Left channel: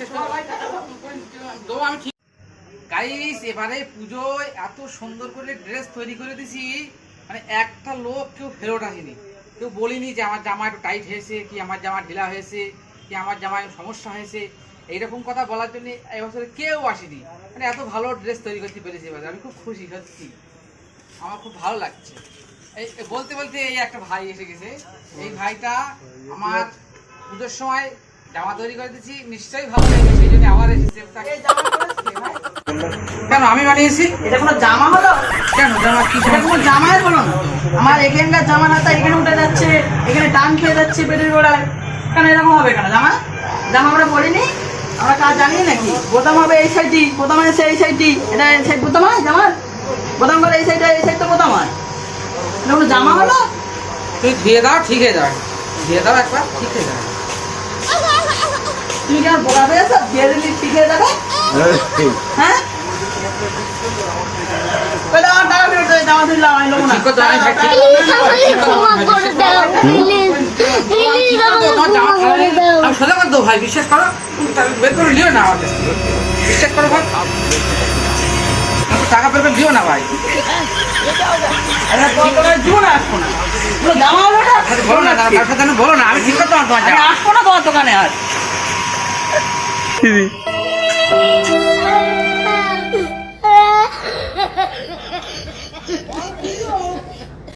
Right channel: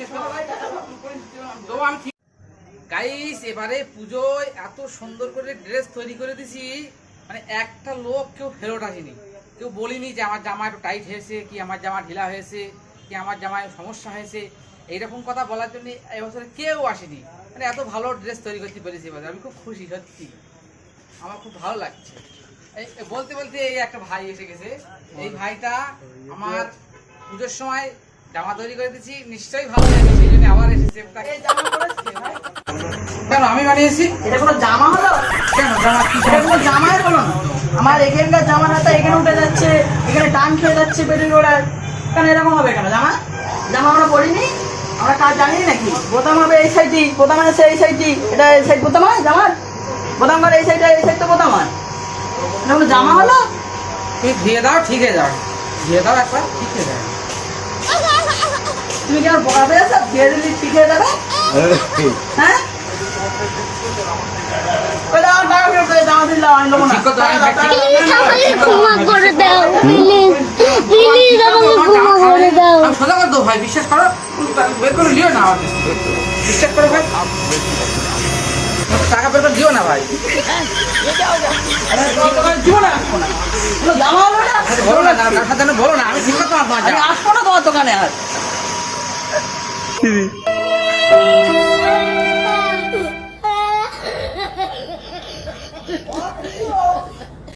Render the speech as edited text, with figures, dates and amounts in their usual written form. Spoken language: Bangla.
বিশ্বাস করো দেবো আমি ঠিক। গাইস এবারে পুজোয় এত সুন্দর করে ড্রেস তৈরি করে দিছি, মানে একটা লোক কেউ ফেরত আসেনি, কেউ বলিনি যে আমার জামা একটু টাইট হয়েছে, কি আমার জামা ঢিলা হয়েছে, কি আমার জামায় সমস্যা হয়েছে, এইরকম কথা বলার জন্য এবছরে কেউ আসেনি। মানে এত ভালো ড্রেস তৈরি করতে পেরেছি এবার, আমি খুব খুশি সত্যি, আমার খুব ভালো লাগছে। এই বলতে বলতে এই একটা ভাই এসে গেছে, এই ভাইটা আমার পুজোর সময় জামা তৈরি করে দিচ্ছি, নিশ্চয়ই ভালো লেগেছে, সেই জন্য আবার এসেছে। কেন আমি বানিয়েছি? এটা কোনো জামা হলো? কেন জামা কি? এটা কোনো জামাই হলো না। আমার এখানকার জামা হাতা এখানে উঠে যাচ্ছে, এখানে টান খেয়ে যাচ্ছে পেটের গোড়ায়। কেন এরকম হবে কেন? জামা জামা আমরা বলিনি, আমরা কাজ জানি নাকি? বোতাম হবে এই সাইডটি, বোতাম আছে এই সাইডটি, এটা এই সাইড বোতাম হয় জামার, বোতাম করে এই সাইড, এই সাইড তো বোতাম হয়। এটা কোনো জামা হলো? তুই ধুয়ে দাও, ঠিক হয়ে যাবে, ধুয়ে দাও একবার, ঠিক হয়ে যাবে। তুমি কেন বোকা পেয়েছো? ধুয়ে দিলি ঠিক হয়ে যাবে? হ্যাঁ টাকা ফেরত দেবে, জামা দিলাম আমি নেবো না। ঠিক কথা, আমি প্লিজ আমাকে ক্ষমা করে দাও, প্লিজ প্লিজ আমাকে ক্ষমা করে দাও। আমি সোজা করে দেবো ভাই, বিশ্বাস করো, তুমি বের করে দিও না আমার কাছ থেকে। বিশ্বাস করো ভাই, টাকা বের করে দিও না ভাই। দিব না, আসবো না। কোনো জামা হলো না? বলো না, কার সাথে যেন বলো না, আমি ঠিক করতে পারবো আমি আসবো না তোমার দোকানে আর।